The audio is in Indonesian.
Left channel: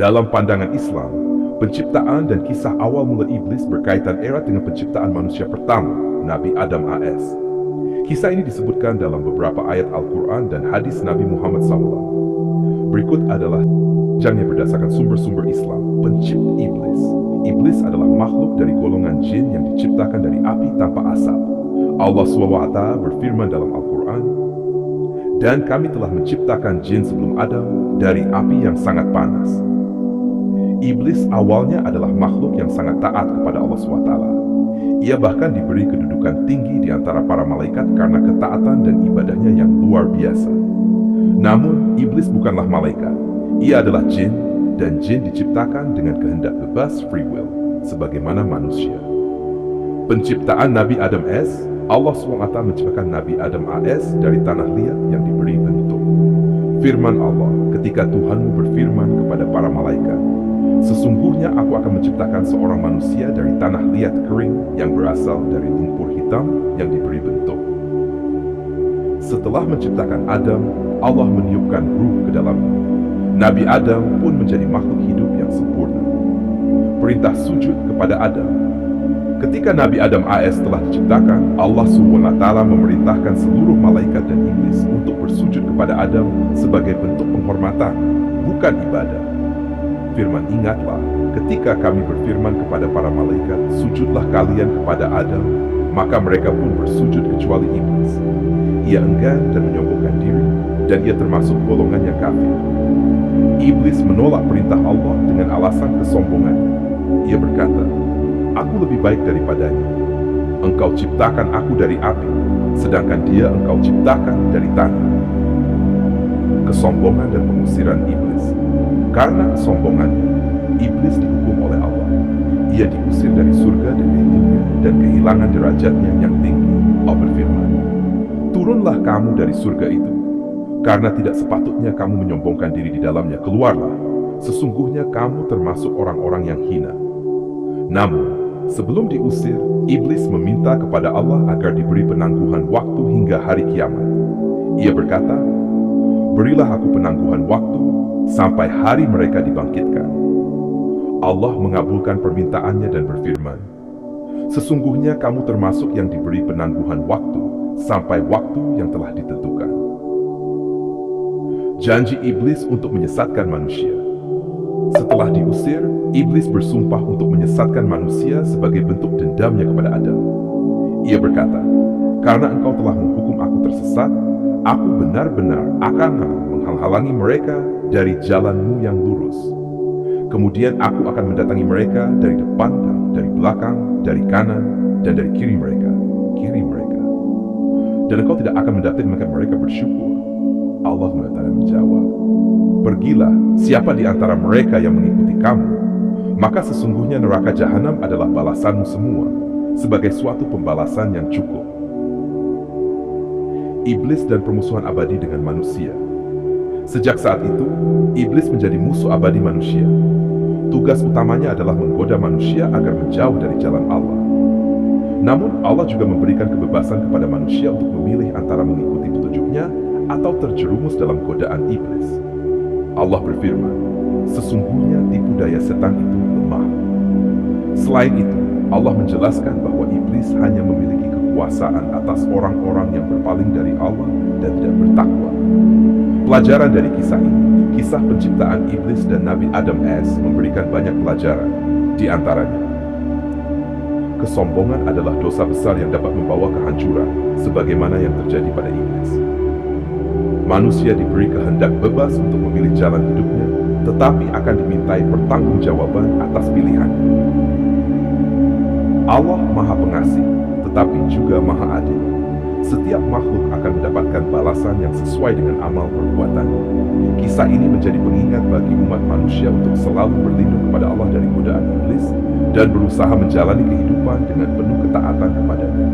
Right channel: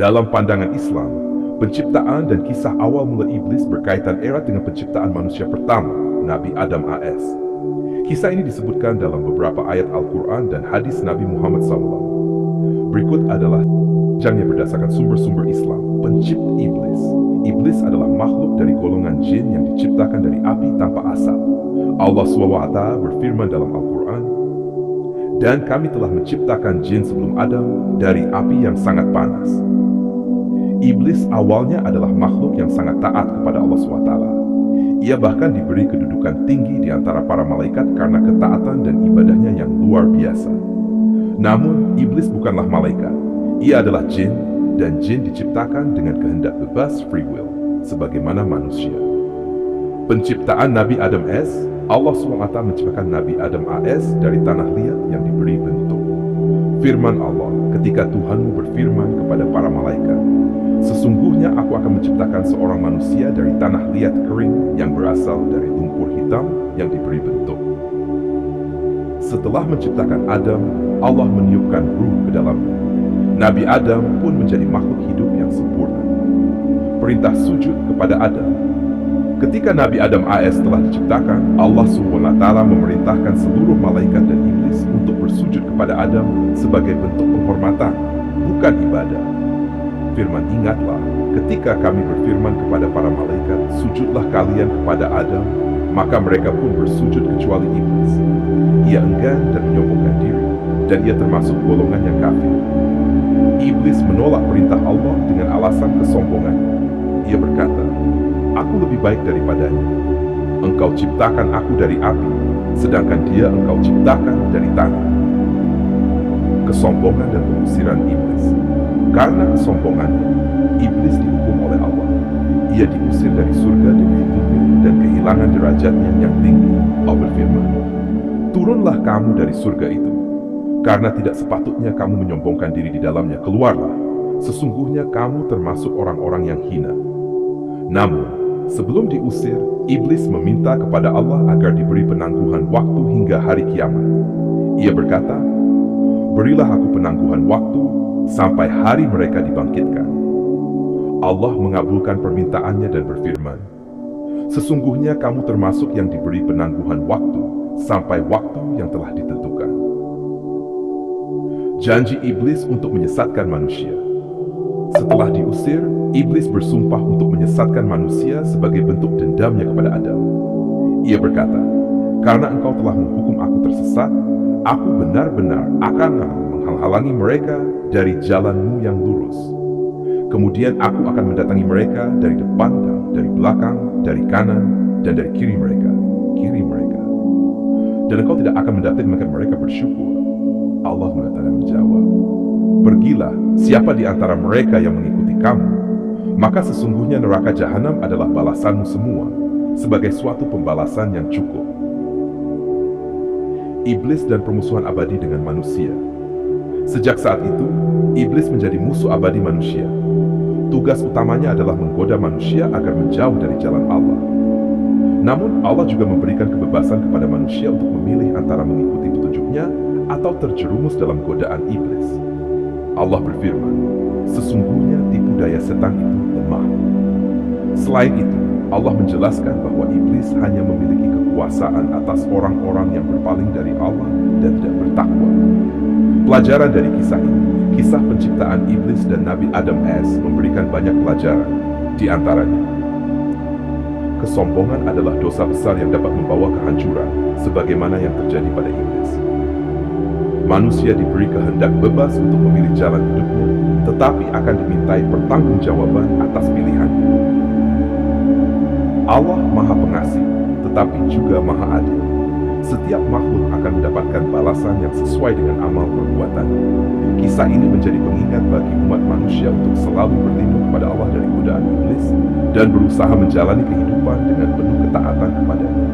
Dalam pandangan Islam, penciptaan dan kisah awal mula iblis berkaitan erat dengan penciptaan manusia pertama, Nabi Adam AS. Kisah ini disebutkan dalam beberapa ayat Al-Quran dan hadis Nabi Muhammad SAW. Berikut adalah panjangnya berdasarkan sumber-sumber Islam. Pencipta iblis. Iblis adalah makhluk dari golongan jin yang diciptakan dari api tanpa asap. Allah SWT berfirman dalam Al-Quran, "Dan kami telah menciptakan jin sebelum Adam dari api yang sangat panas." Iblis awalnya adalah makhluk yang sangat taat kepada Allah SWT. Ia bahkan diberi kedudukan tinggi di antara para malaikat karena ketaatan dan ibadahnya yang luar biasa. Namun, iblis bukanlah malaikat. Ia adalah jin, dan jin diciptakan dengan kehendak bebas free will, sebagaimana manusia. Penciptaan Nabi Adam AS, Allah SWT menciptakan Nabi Adam AS dari tanah liat yang diberi bentuk. Firman Allah, ketika Tuhanmu berfirman kepada para malaikat, "Sesungguhnya aku akan menciptakan seorang manusia dari tanah liat kering yang berasal dari lumpur hitam yang diberi bentuk." Setelah menciptakan Adam, Allah meniupkan ruh ke dalamnya. Nabi Adam pun menjadi makhluk hidup yang sempurna. Perintah sujud kepada Adam. Ketika Nabi Adam AS telah diciptakan, Allah SWT memerintahkan seluruh malaikat dan iblis untuk bersujud kepada Adam sebagai bentuk penghormatan, bukan ibadah. Firman, "Ingatlah, ketika kami berfirman kepada para malaikat, sujudlah kalian kepada Adam, maka mereka pun bersujud kecuali iblis. Ia enggan dan menyombongkan diri, dan ia termasuk golongan yang kafir." Iblis menolak perintah Allah dengan alasan kesombongannya. Ia berkata, "Aku lebih baik daripadanya. Engkau ciptakan aku dari api, sedangkan dia engkau ciptakan dari tanah." Kesombongan dan pengusiran iblis. Karena kesombongannya, iblis dihukum oleh Allah. Ia diusir dari surga dengan hidupnya dan kehilangan derajatnya yang tinggi. Allah berfirman, "Turunlah kamu dari surga itu, karena tidak sepatutnya kamu menyombongkan diri di dalamnya. Keluarlah, sesungguhnya kamu termasuk orang-orang yang hina." Namun, sebelum diusir, iblis meminta kepada Allah agar diberi penangguhan waktu hingga hari kiamat. Ia berkata, "Berilah aku penangguhan waktu sampai hari mereka dibangkitkan." Allah mengabulkan permintaannya dan berfirman, "Sesungguhnya kamu termasuk yang diberi penangguhan waktu sampai waktu yang telah ditentukan." Janji iblis untuk menyesatkan manusia. Setelah diusir, iblis bersumpah untuk menyesatkan manusia sebagai bentuk dendamnya kepada Adam. Ia berkata, "Karena engkau telah menghukum aku tersesat, aku benar-benar akan menghalangi mereka dari jalanmu yang lurus. Kemudian aku akan mendatangi mereka dari depan dan dari belakang, dari kanan dan dari kiri mereka. Dan engkau tidak akan mendatangi mereka bersyukur." Allah menjawab, "Pergilah, siapa di antara mereka yang mengikuti kamu, maka sesungguhnya neraka jahanam adalah balasanmu semua, sebagai suatu pembalasan yang cukup." Iblis dan permusuhan abadi dengan manusia. Sejak saat itu, iblis menjadi musuh abadi manusia. Tugas utamanya adalah menggoda manusia agar menjauh dari jalan Allah. Namun, Allah juga memberikan kebebasan kepada manusia untuk memilih antara mengikuti petunjuknya atau terjerumus dalam godaan iblis. Allah berfirman, "Sesungguhnya tipu daya setan itu lemah." Selain itu, Allah menjelaskan bahwa iblis hanya memiliki kekuasaan atas orang-orang yang berpaling dari Allah dan tidak bertakwa. Pelajaran dari kisah ini, kisah penciptaan iblis dan Nabi Adam AS memberikan banyak pelajaran. Di antaranya, kesombongan adalah dosa besar yang dapat membawa kehancuran, sebagaimana yang terjadi pada iblis. Manusia diberi kehendak bebas untuk memilih jalan hidupnya, tetapi akan dimintai pertanggungjawaban atas pilihannya. Allah Maha Pengasih, tetapi juga Maha Adil. Setiap makhluk akan mendapatkan balasan yang sesuai dengan amal perbuatannya. Kisah ini menjadi pengingat bagi umat manusia untuk selalu berlindung kepada Allah dari godaan iblis dan berusaha menjalani kehidupan dengan penuh ketaatan kepadanya.